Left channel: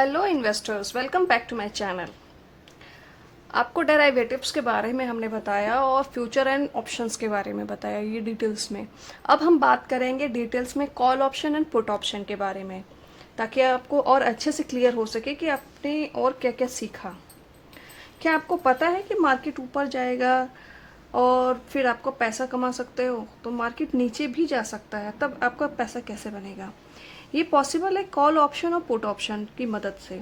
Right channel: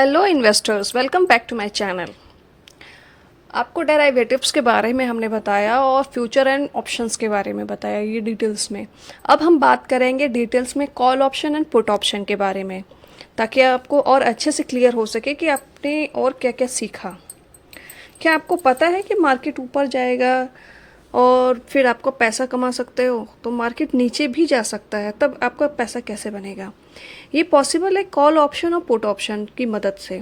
Hello investors, welcome back to my channel. आपको derivatives के बारे में हमने बताया और फ्यूचर एंड ऑप्शंस के बारे में बताया ये डिटेल्स में। अब हम बात करेंगे डिटेल्स में call option and put option के बारे में, ताकि आपको और अच्छे से क्लियर हो सके कि आपने और क्या क्या सीखा। क्या आपको पता है कि मार्केट ऊपर जाएगा और फिर आपको पैसा कमा सकते हो, तो मार्केट नीचे भी जा सकता है, तब आपका पैसा कैसे बनेगा? ये पॉसिबल है कॉल ऑप्शन और पुट ऑप्शन की मदद से।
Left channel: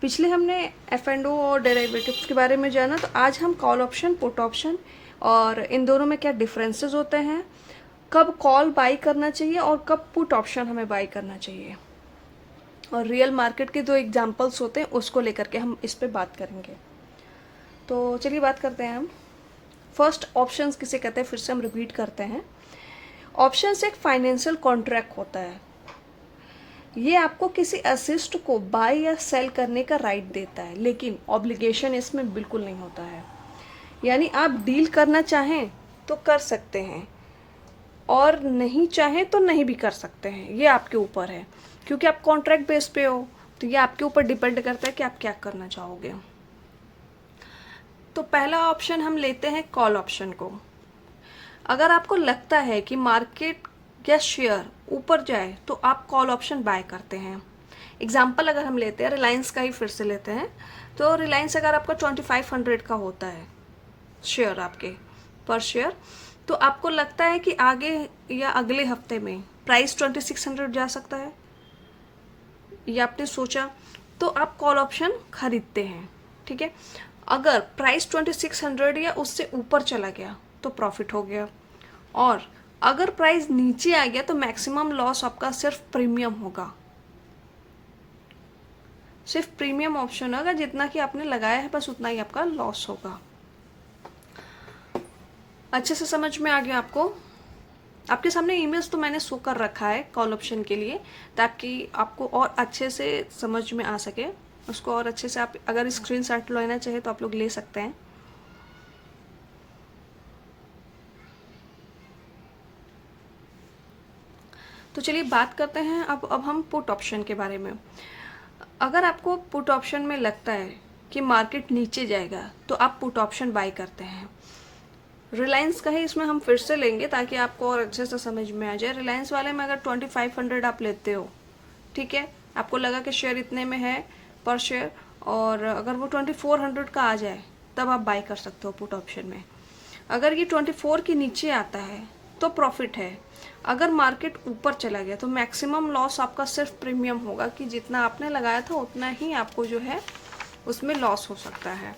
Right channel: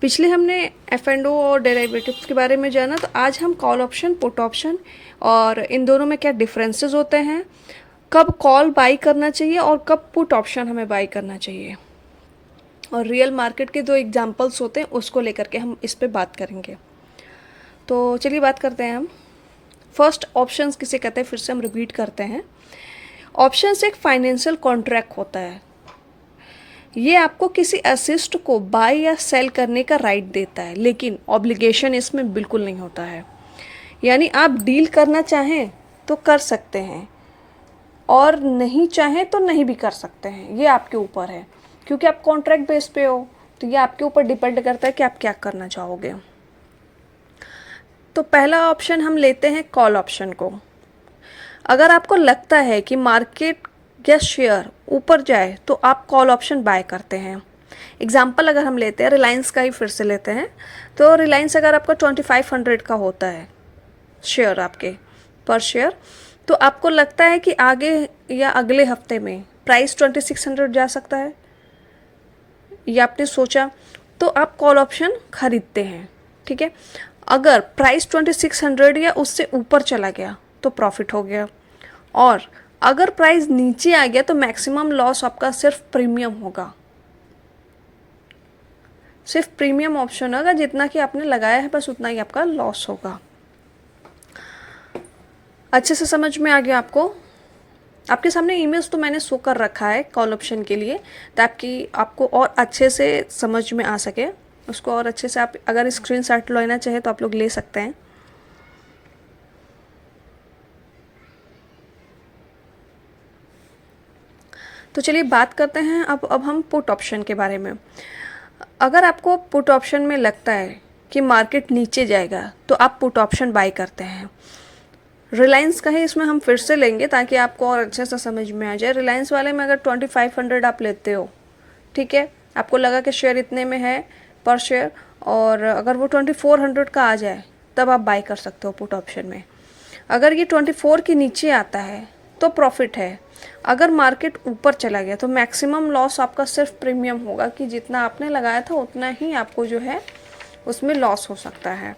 पिछले हमने एफ एंड ओ और डेरिवेटिव्स के बारे में जाना, तो आज हम कॉल ऑप्शन, पुट ऑप्शन और इन दोनों में क्या डिफरेंसेस होते हैं, कब कॉल बाई करना चाहिए और कब पुट ऑप्शन हमें बाई करना चाहिए, और रियल मार्केट के जो एग्जांपल्स होते हैं उसको लेकर के हम इस पे बात करेंगे। तो चलिए बात करते हैं हम। फर्स्ट, ऑप्शंस किसे कहते हैं, फिर से हम रिपीट करते हैं। ऑप्शंस एक फाइनेंशियल कॉन्ट्रैक्ट होता है। ये आपको किसी असिस्ट को बाय या सेल करने का राइट देता है, लेकिन ऑब्लिगेशन इसमें बिल्कुल नहीं होता है। यानी आप डील करना चाहें तो कर सकते हैं और नहीं चाहें तो नहीं भी कर सकते हैं, ये आपके ऊपर है, क्योंकि आप कॉन्ट्रैक्ट बेस पे हो। तो ये आपके ऊपर डिपेंड करता है कि आप क्या करना चाहोगे। तो पहला ऑप्शन हम लेते हैं कॉल ऑप्शन को। अगर आपको लगता है कि मार्केट या शेयर ऊपर जाए तो आप कॉल ऑप्शन बाय करते हैं। एग्जाम्पल अगर हम लेते हैं रिलायंस का ही फिर से लेते हैं, तो रिलायंस अगर आपका 2500 का होता है शेयर आपके पर शेयर, तो आपको लगता है कि आगे या अगले हफ्ते में प्राइस 2600 जा सकता है, ये आपने सोचा, तो आप कॉल ऑप्शन खरीदते हैं। ठीक है, अगर प्राइस 2600 या उससे ऊपर चला गया तो प्रॉफिट हो गया, और अगर प्राइस नीचे आ गया तो मैक्सिमम लॉस आपका सिर्फ प्रीमियम होगा। सिर्फ प्रीमियम ऑप्शन होगा, जितना कि आपने लगाया है बस उतना ही आपका लॉस होगा। अच्छे से समझ में आ गया आपको? आपके सामने इमेज तो मैंने शो कर रखा है कॉल ऑप्शन के लिए, ताकि आपको और अच्छे से समझ में आ सके। उसको और अच्छे से आप अगर स्क्रीनशॉट लेना चाहे तो आप लोग ले सकते हैं। तो चलिए बात करते हैं अब हम पुट ऑप्शन के बारे में। अगर आपको पुट ऑप्शन में लगता है कि मार्केट नीचे जाएगा तो आप पुट ऑप्शन बाय करते हैं। रिलायंस का ही इसमें हम फिर से लेंगे ताकि आपको और अच्छे से समझ में आ जाए। रिलायंस वाले में अगर 2500 आप लेते हो, ठीक है, आपको लगा कि शेयर इतने में है पर शेयर, और अगर वो 2400 का आ जाए तब आप बाय कर सकते हो पुट ऑप्शन में। अगर ये 24 के नीचे आता है तो प्रॉफिट है। अगर मार्केट ऊपर चला गया तो मैक्सिमम लॉस आपका सिर्फ प्रीमियम होगा, कि जितना आपने लगाया था उतना ही आपको जो है उसमें लॉस हो सकता है।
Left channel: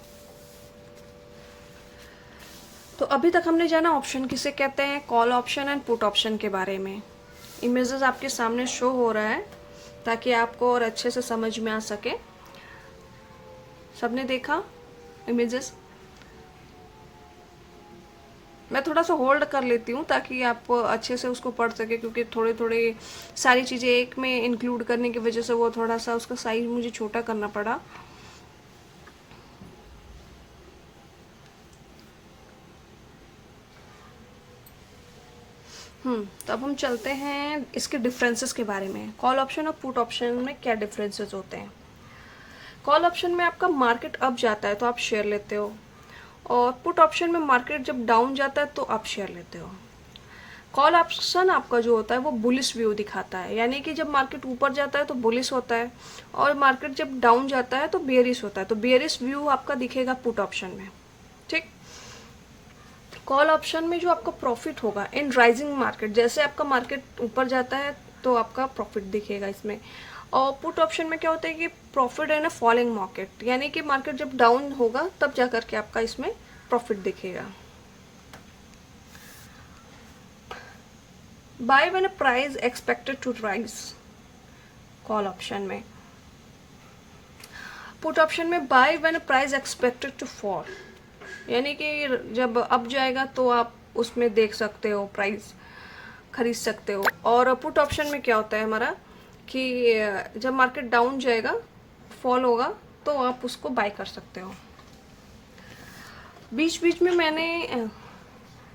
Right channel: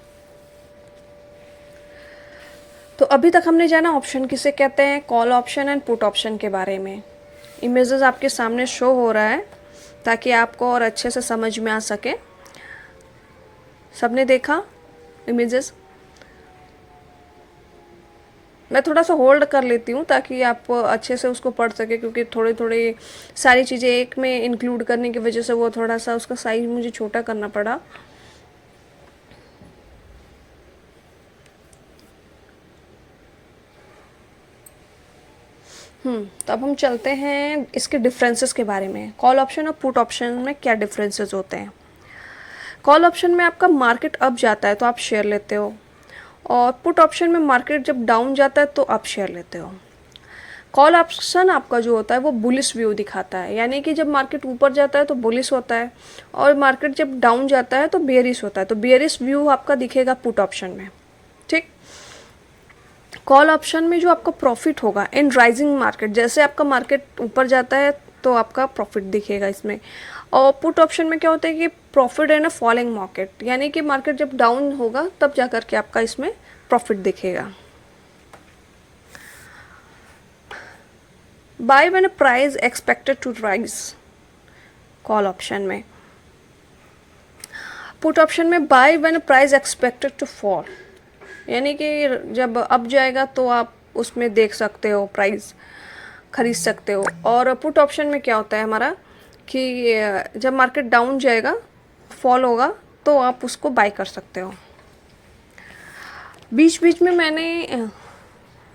तो अभी तक हमने जाना ऑप्शन किसे कहते हैं, call option and put option के बारे में। इमेजेस आपके सामने शो हो रहा है ताकि आपको और अच्छे से समझ में आ सके। सबने देखा इमेजेस? मैं थोड़ा सा होल्ड कर लेती हूँ ताकि आप अच्छे से उसको पढ़ सके, क्योंकि थोड़े थोड़े सारी चीज़ें एक में इंक्लूड करने की वजह से वो थोड़ा सा उसका साइज मुझे छोटा करना पड़ा। तो अब हम चलते हैं इसके डिफरेंसेस के बारे में। कॉल ऑप्शन और पुट ऑप्शन में क्या डिफरेंसेस होते हैं? कॉल ऑप्शन में आपका मार्केट अप जाता है तो आप शेयर लेते हो, और पुट ऑप्शन में मार्केट जब डाउन जाता है तो आप शेयर लेते हो। कॉल ऑप्शन आपका जो होता है वो बुलिश व्यू दिखाता है, यानी कि जब मार्केट ऊपर जाता है तो बुलिश होता है, और मार्केट जब डाउन जाता है तो बेयरिश होता है। तो बेयरिश व्यू आपका दिखेगा पुट ऑप्शन में। ठीक, कॉल ऑप्शन में जो आपका प्रॉफिट होगा इन राइजिंग मार्केट, जैसे आपका मार्केट ऊपर जाता है तो आपका प्रॉफिट दिखेगा इसमें। और पुट ऑप्शन में क्या होता है कि profit in a falling market, यानी कि मार्केट जब डाउन होगा तब जाकर के आपका इसमें प्रॉफिट दिखेगा। Buy when price expected to rise, call option में। पुट ऑप्शन में buy when price expected to fall, यानी कि जब अप जाएगा तो आप उसमें देख सकते हो, प्राइस खरीद सकते हो। और पुट ऑप्शन में क्या होता है हमारा कि जब मार्केट डाउन जाएगा, फॉल होगा, तो आप उसको बाय कर सकते हो। बीच बीच में मैंने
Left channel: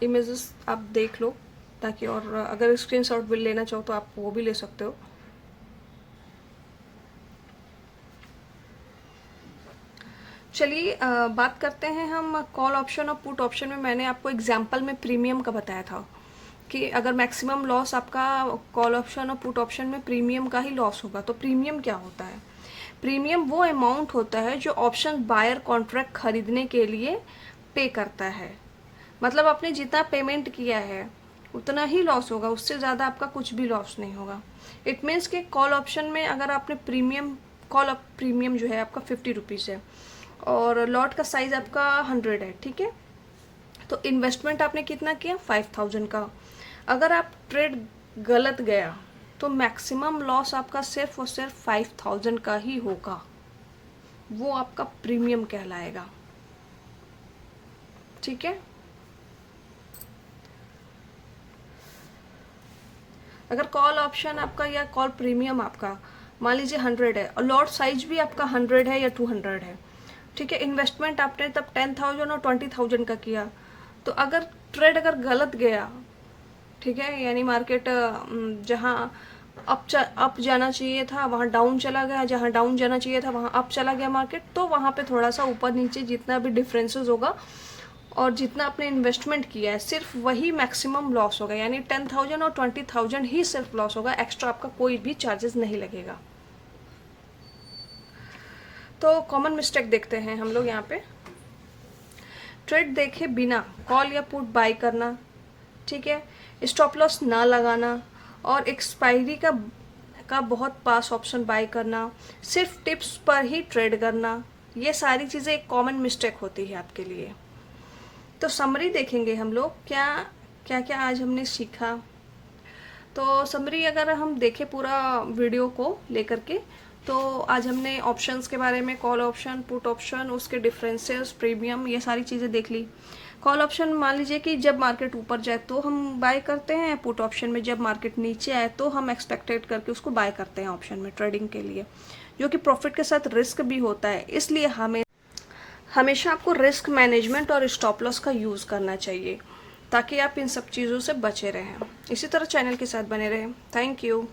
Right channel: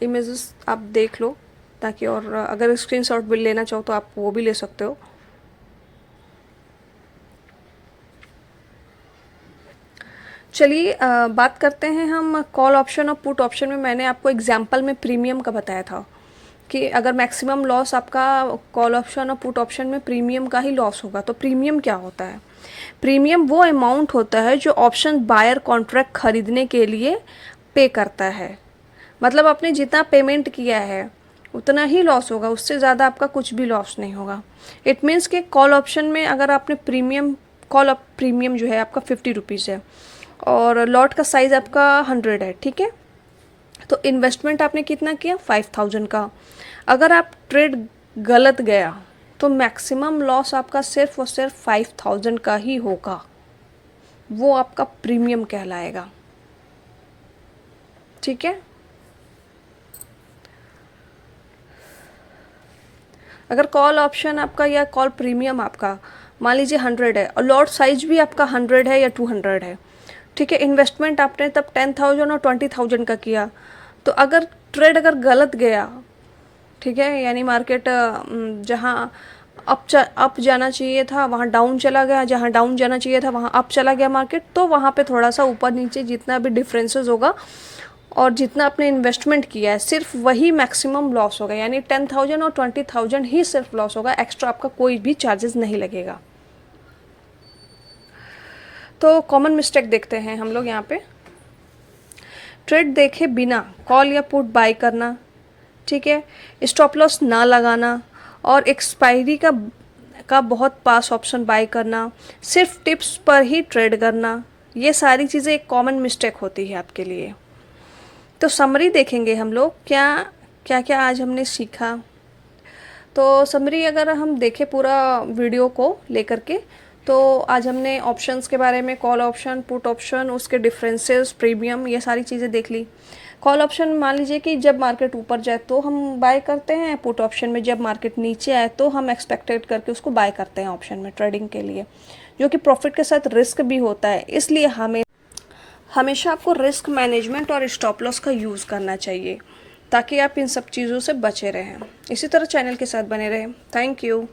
इमेजेस आप देख लो, ताकि और अगर स्क्रीनशॉट भी लेना चाहो तो आप वो भी ले सकते हो। चलिए बात करते हैं हम कॉल ऑप्शन और पुट ऑप्शन में। मैंने आपको एग्जांपल में प्रीमियम का बताया था कि अगर मैक्सिमम लॉस आपका कॉल ऑप्शन और पुट ऑप्शन में प्रीमियम का ही लॉस होगा। तो प्रीमियम क्या होता है? प्रीमियम वो अमाउंट होता है जो ऑप्शन बायर कॉन्ट्रैक्ट खरीदने के लिए पे करता है। मतलब आपने जितना पेमेंट किया है उतना ही लॉस होगा, उससे ज़्यादा आपका कुछ भी लॉस नहीं होगा। इट मीन्स कि कॉल ऑप्शन में अगर आपने कॉल प्रीमियम जो है आपका 50 रुपीज़ है और लॉट का साइज़ आपका 100 है, ठीक है। तो इन्वेस्टमेंट आपने कितना किया? 5000 का। अगर आप ट्रेड गलत गया तो मैक्सिमम लॉस आपका सिर्फ और सिर्फ 5000 का ही होगा। वो आपका प्रीमियम कहलाएगा, ठीक है। अगर कॉल ऑप्शन आपका या कॉल प्रीमियम आपका मान लीजिए 100 है और लॉट साइज भी आपका 100 है या 200 है, ठीक है। इन्वेस्टमेंट आपने तब 10,000 और 20,000 का किया। तो अगर ट्रेड अगर गलत गया, ठीक है, यानी मार्केट जहाँ अप जाना चाहिए था वहाँ डाउन चला गया, जहाँ डाउन जाना चाहिए था वहाँ अप चला गया मार्केट, तो वहाँ पे थोड़ा सा ऊपर नीचे जितना भी डिफरेंसेस होगा और जितना आपने इन्वेस्टमेंट किया है सिर्फ वही मैक्सिमम लॉस होगा। यानी 10,000 और 20,000 ही सिर्फ लॉस होगा, एक्स्ट्रा आपका कोई भी चार्जेस नहीं लगेगा। तो कॉमन मिस्टेक देखते हैं हम लोग यहाँ पे। ट्रेड देखे बिना कॉल या पुट बाय करना, ठीक है। स्टॉप लॉस ना लगाना और एक्सपायरी का बहुत पास ऑप्शन बाय करना, सिर्फ टिप्स पर ही ट्रेड करना, ये सारी चीज़ें एक कॉमन मिस्टेक होती है आपके लिए। तो समरी देखेंगे हम लोग क्या क्या आज हमने सीखा। तो समरी अगर हम देखें पूरा वीडियो को लेकर के, तो आज हमने ऑप्शंस के बारे में, कॉल ऑप्शन, पुट ऑप्शन, उसके डिफरेंसेस, प्रीमियम, ये सारी चीज़ें देख ली। कॉल ऑप्शन मान लीजिए कि जब मार्केट ऊपर जाए तो हम बाय करते हैं, पुट ऑप्शन में जब मार्केट नीचे आए तो हम एक्सपेक्टेड करके उसको बाय करते हैं ऑप्शन में ट्रेडिंग के लिए, जो कि प्रॉफिट के साथ रिस्क भी होता है। इसलिए हमेशा आपको रिस्क मैनेजमेंट और स्टॉप लॉस का यूज़ करना चाहिए ताकि आप इन सब चीज़ों से बचे रहें। इसी तरह चैनल के साथ बने रहें। Thank you.